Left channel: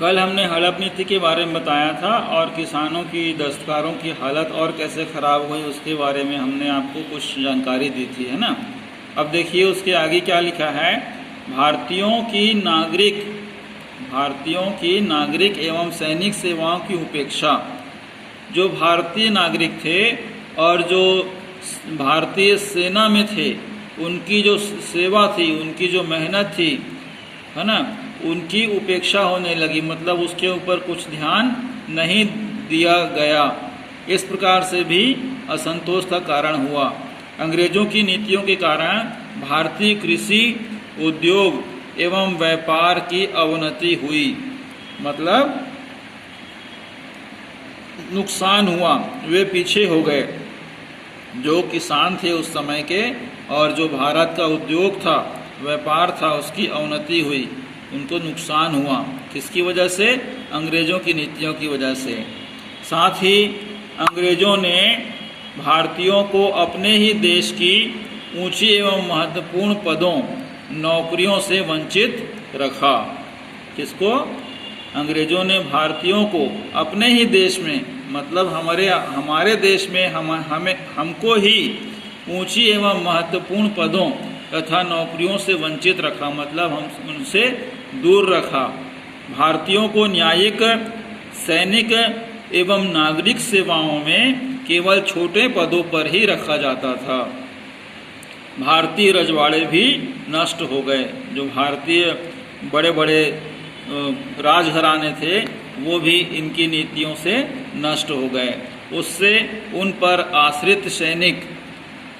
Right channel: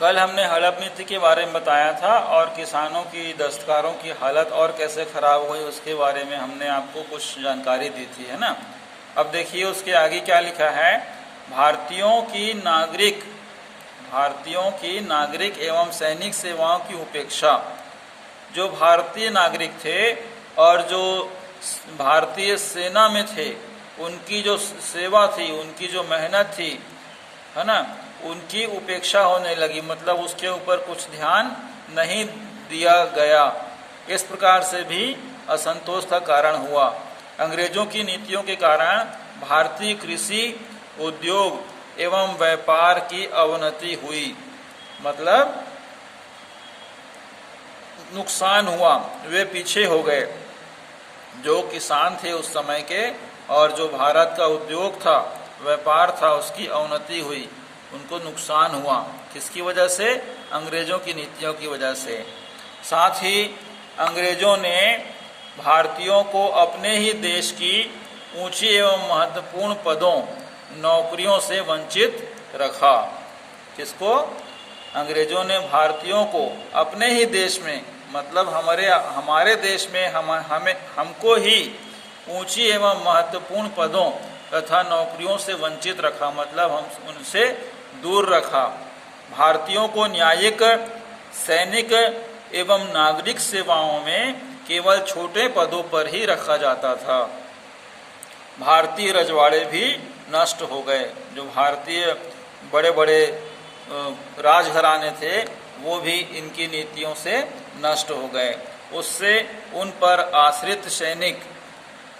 कल हमने हड़प नीति के बारे में बताया था और किसानों की, दस्तकारों की हालत और कैसे ख़राब हुई उसके बारे में हमने आपको कुछ जानकारी दी थी, है ना। अब देखिए उसके आगे क्या लिखा है। भारतीयों की नागरिक एवं सैनिक सेवाओं की उपेक्षा। जो भारतीय नागरिक थे और जो भारतीय सेना में थे, उनकी जो सेवा थी, उनकी जो मेहनत थी, है ना, उनकी उपेक्षा होने लगी, मतलब उसके ऊपर कुछ ध्यान नहीं दिया गया। इस प्रकार से भी असंतोष का कारण हुआ। अंग्रेजों की नीतियों के कारण भारतीय कृषि, उद्योग एवं व्यापार की अवनति हुई, मतलब नुकसान हुआ, वे पीछे हो गए। जो किसान थे उस समय के और जो भारत का उद्योग था, व्यापार था, उसकी अवनति हुई, उनको नुकसान हुआ। किसकी वजह से? अंग्रेजों की नीतियों की वजह से। साथ ही अंग्रेजों ने भारतीयों को अपने ही देश की ऊंची एवं महत्वपूर्ण पदों, नौकरियों से वंचित रखा। किसको? अंग्रेजों ने भारतीयों को अपने ही देश में, मतलब हमारे देश में हमको ही ऊंची एवं महत्वपूर्ण पदों तथा नौकरियों से वंचित रखा, मतलब हम उनसे दूर रखा। भारतीयों को न्यायिक, सैनिक एवं नागरिक सेवाओं में केवल छोटे पदों पर ही रखा जाता था। भारतीय रजवाड़े भी नष्ट हो गए। जो भारतीय बड़े बड़े राजघराने थे वो भी इनकी नीतियों से नष्ट हो गए। उससे उन पर आश्रित सैनिक,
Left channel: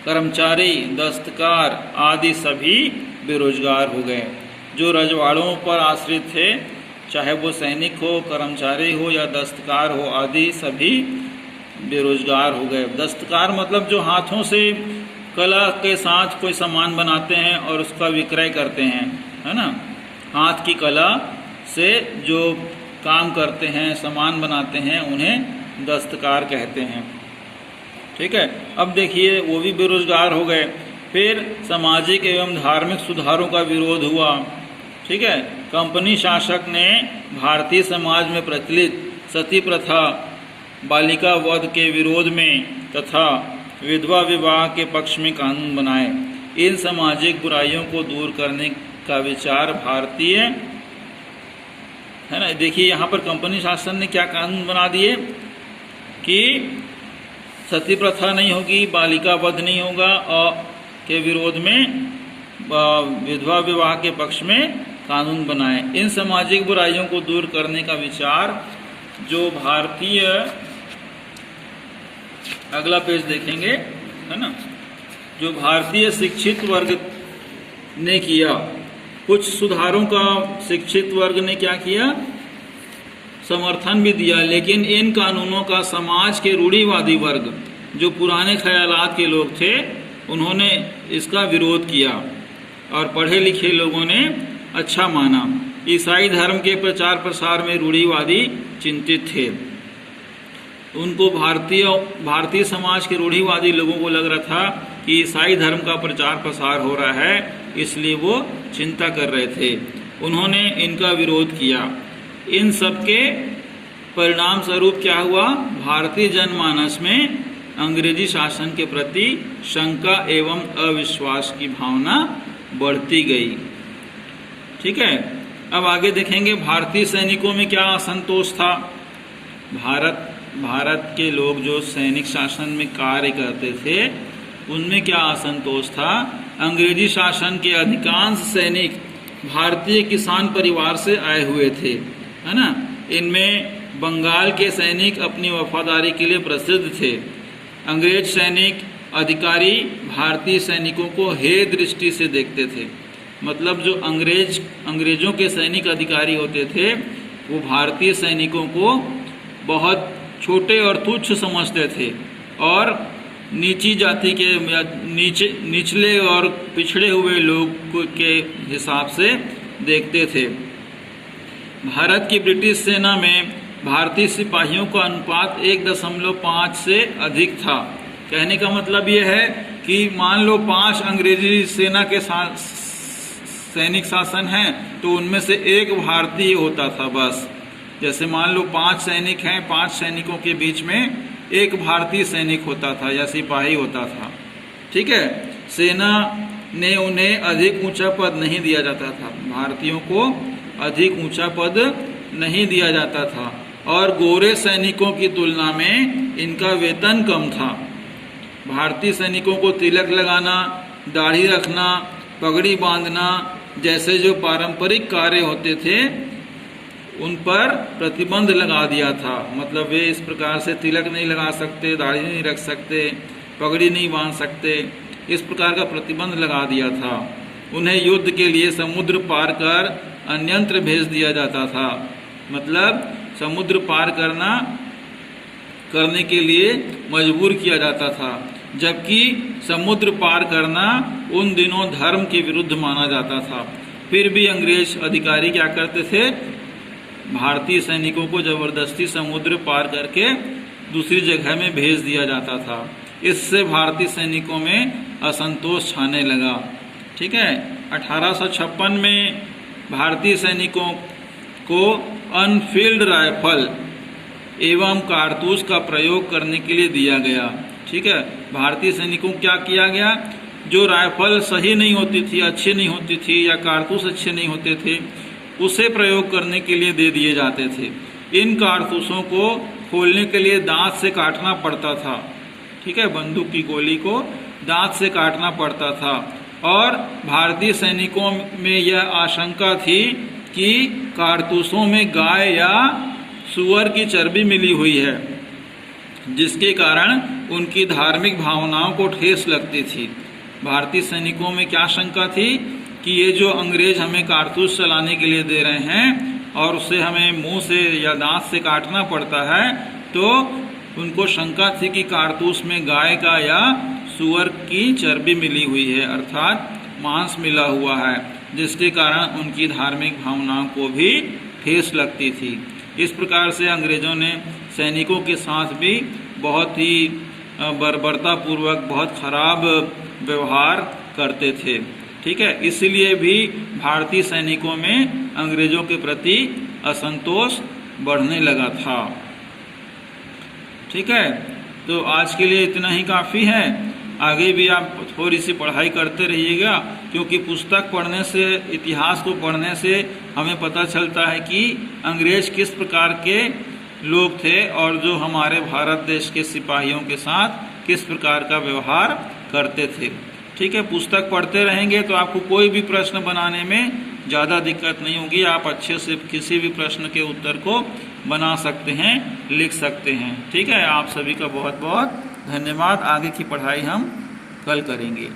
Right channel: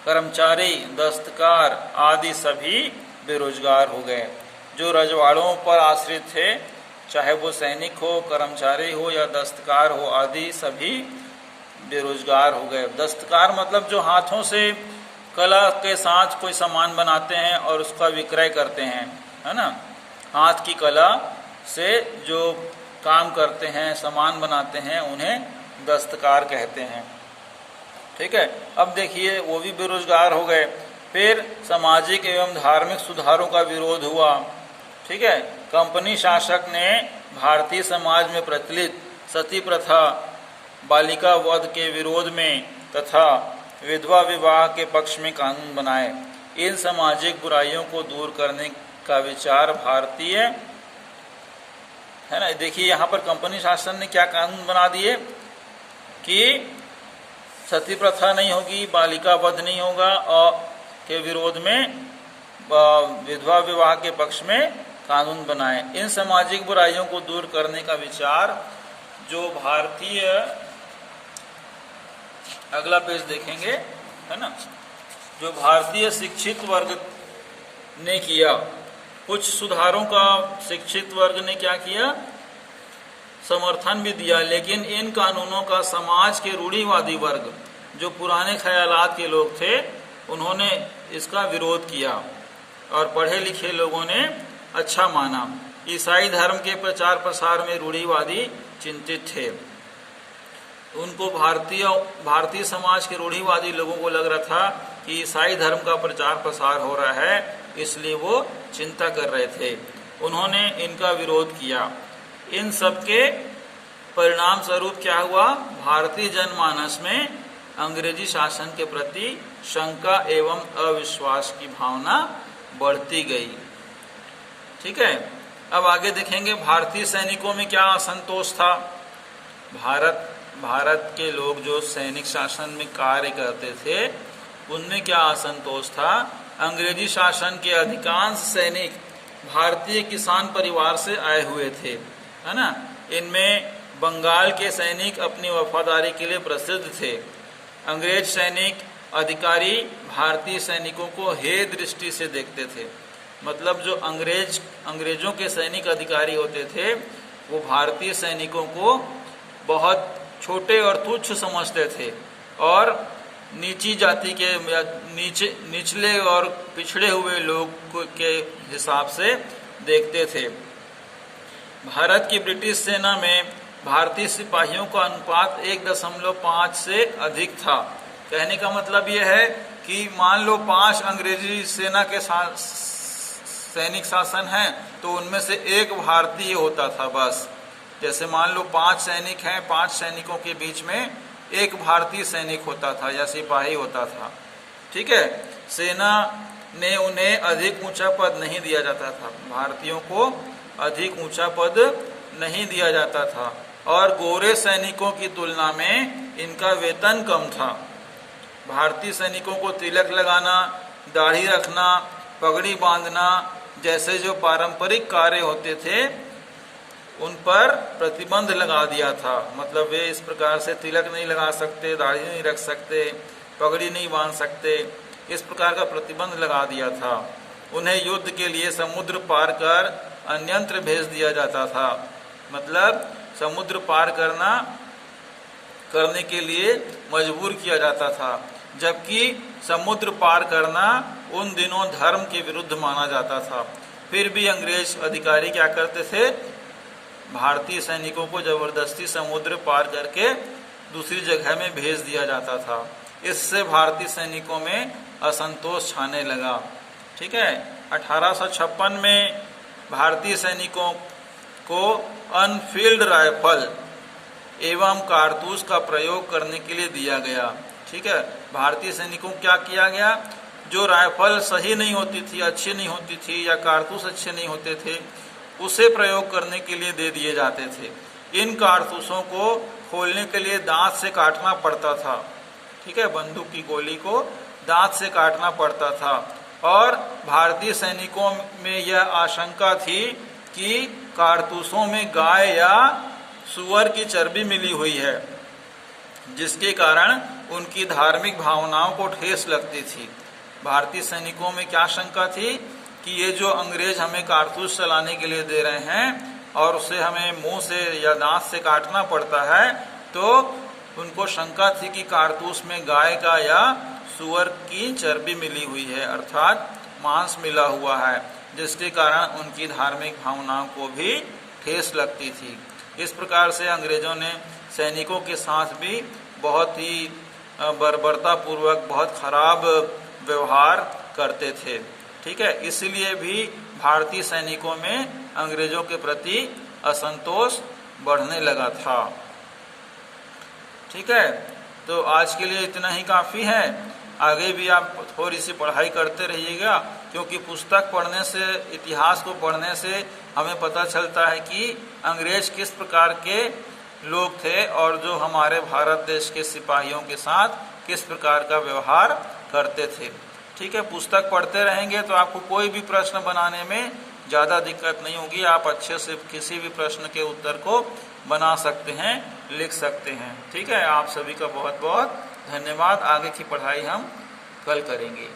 कर्मचारी, दस्तकार आदि सभी बेरोजगार हो गए। जो रजवाड़ों पर आश्रित थे, चाहे वो सैनिक हो, कर्मचारी हो या दस्तकार हो, आदि सभी बेरोजगार हो गए। दस्तकार मतलब जो हाथों से कला के साथ कोई सामान बनाते हैं और उसका विक्रय करते हैं, है ना। हाथ की कला से जो काम करते हैं, सामान बनाते हैं, उन्हें दस्तकार कहते हैं। ठीक है। अब देखिए वो भी बेरोजगार हो गए। फिर सामाजिक एवं धार्मिक सुधारों का विरोध हुआ। ठीक है। कंपनी शासक ने भारतीय समाज में प्रचलित सती प्रथा, बालिका वध के विरोध में तथा विधवा विवाह के पक्ष में कानून बनाए। इन सामाजिक बुराइयों को दूर करने का विचार भारतीय, है ना। देखिए यहाँ पर कंपनी शासन ने क्या कानून बना दिए कि सती प्रथा नहीं होगी, बालिका वध नहीं होगा, और के विरोध में विधवा विवाह के पक्ष में कानून बनाए। इन सामाजिक बुराइयों को दूर करने का विचार जो भारतीय, अगला पेज देखेंगे, है ना, जो भारतीय शिक्षित वर्ग ने किया। कुछ सुधारों का शिक्षित वर्ग ने क्या किया? समर्थन भी दिया, लेकिन इन कानूनों का समाज के रूढ़िवादी वर्ग, जो पुराने ख्यालात के लोग थे, उन्होंने इसका विरोध किया और पढ़े लिखे लोगों ने अच्छा माना। ईसाई धर्म के प्रचार प्रसार में रूढ़िवादी चिंतित थे। उनको भारतीय समाज के रूढ़िवादी लोगों को लग रहा था कि ईसाई धर्म का प्रचार प्रसार हो रहा है, इसलिए वो चिंता कर रहे थे। उन्होंने इनका विरोध किया। इन सब के परिणाम स्वरूप क्या हुआ? भारतीय जनमानस में अंग्रेजी शासन के प्रति शंका एवं अविश्वास की भावना बढ़ती गई। ठीक है। अब आगे देखेंगे भारतीय सैनिकों में क्या असंतोष था। भारत के लोग जो सैनिक शासन में कार्य करते थे, उनमें क्या असंतोष था? अंग्रेजी शासन के अधिकांश सैनिक भारतीय किसान परिवार से आए हुए थे, है ना। इनमें बंगाल के सैनिक अपनी वफादारी के लिए प्रसिद्ध थे। अंग्रेज सैनिक अधिकारी भारतीय सैनिकों को हे दृष्टि से देखते थे, मतलब जो अंग्रेजों के सैनिक अधिकारी होते थे, वो भारतीय सैनिकों को बहुत छोटे और तुच्छ समझते थे और नीची जाति के या निचले और पिछड़े हुए लोग के हिसाब से देखते थे। भारत की ब्रिटिश सेना में भारतीय सिपाहियों का अनुपात 1.5 से अधिक था। कहने का मतलब यह है कि मान लो 5 अंग्रेजी सेना के सैनिक शासन हैं, तो उनमें से 1 भारतीय होता था बस। जैसे मान लो 5 सैनिक हैं, 5 सैनिकों के बीच में एक भारतीय सैनिक होता था या सिपाही होता था। ठीक है, सेना ने उन्हें अधिक ऊंचा पद नहीं दिया जाता था, भारतीयों को अधिक ऊंचा पद नहीं दिया जाता था, और गोरे सैनिकों की तुलना में इनका वेतन कम था। भारतीय सैनिकों को तिलक लगाना, दाढ़ी रखना, पगड़ी बांधना जैसे जो पारंपरिक कार्य होते थे उन पर प्रतिबंध लगा दिया था। मतलब वे इस प्रकार से तिलक नहीं लगा सकते, दाढ़ी नहीं रख सकते, पगड़ी नहीं बांध सकते, इस प्रकार का प्रतिबंध लगा दिया था। उन्हें युद्ध के लिए समुद्र पार कर अन्यत्र भेज दिया जाता था। मतलब समुद्र पार करने के लिए मजबूर किया जाता था, जबकि समुद्र पार करना उन दिनों धर्म के विरुद्ध माना जाता था। फिर भी अंग्रेज अधिकारी क्या करते थे, भारतीय सैनिकों को जबरदस्ती समुद्र पार करके दूसरी जगह में भेज दिया जाता था। इससे भारतीय सैनिकों में असंतोष छाने लगा। ठीक है, 1856 में भारतीय सैनिकों को अनफील्ड राइफल एवं कारतूस का प्रयोग करने के लिए दिया गया। ठीक है, भारतीय सैनिकों को क्या किया गया, जो राइफल सही नहीं होती थी, अच्छी नहीं होती थी, या कारतूस अच्छे नहीं होते थे, उसे प्रयोग करने के लिए दे दिए जाते थे। इन कारतूसों को खोलने के लिए दांत से काटना पड़ता था। ठीक है, बंदूक की गोली को दांत से काटना पड़ता था, और भारतीय सैनिकों में यह आशंका थी कि कारतूसों में गाय या सूअर की चर्बी मिली हुई है, जिसके कारण उनकी धार्मिक भावनाओं को ठेस लगती थी। भारतीय सैनिकों में क्या शंका थी कि ये जो अंग्रेज हमें कारतूस चलाने के लिए दे रहे हैं और उसे हमें मुंह से या दांत से काटना पड़ता है, तो उनको शंका थी कि कारतूस में गाय का या सूअर की चर्बी मिली हुई है, अर्थात मांस मिला हुआ है, जिसके कारण उनकी धार्मिक भावनाओं को भी ठेस लगती थी। इस प्रकार से अंग्रेजों ने सैनिकों के साथ भी बहुत ही बर्बरतापूर्वक बहुत खराब व्यवहार करते थे। ठीक है, इसलिए भी भारतीय सैनिकों में अंग्रेजों के प्रति असंतोष बढ़ने लगा था। ठीक है, तो आज के लिए इतना ही काफ़ी है। आगे भी आप थोड़ी सी पढ़ाई करते रहिएगा, क्योंकि पुस्तक पढ़ने से, इतिहास को पढ़ने से हमें पता चलता है कि अंग्रेज किस प्रकार के लोग थे और जो हमारे भारत देश के सिपाहियों के साथ किस प्रकार का व्यवहार करते थे। ठीक है, पुस्तक पढ़ते रहेंगे तो आपको कोई भी प्रश्न बनाने में ज़्यादा दिक्कत नहीं होगी। आप अच्छे से किसी भी प्रश्न के उत्तर को बना सकते हैं, लिख सकते हैं। ठीक है, आप सभी का बहुत बहुत धन्यवाद। आगे की पढ़ाई हम कल करेंगे।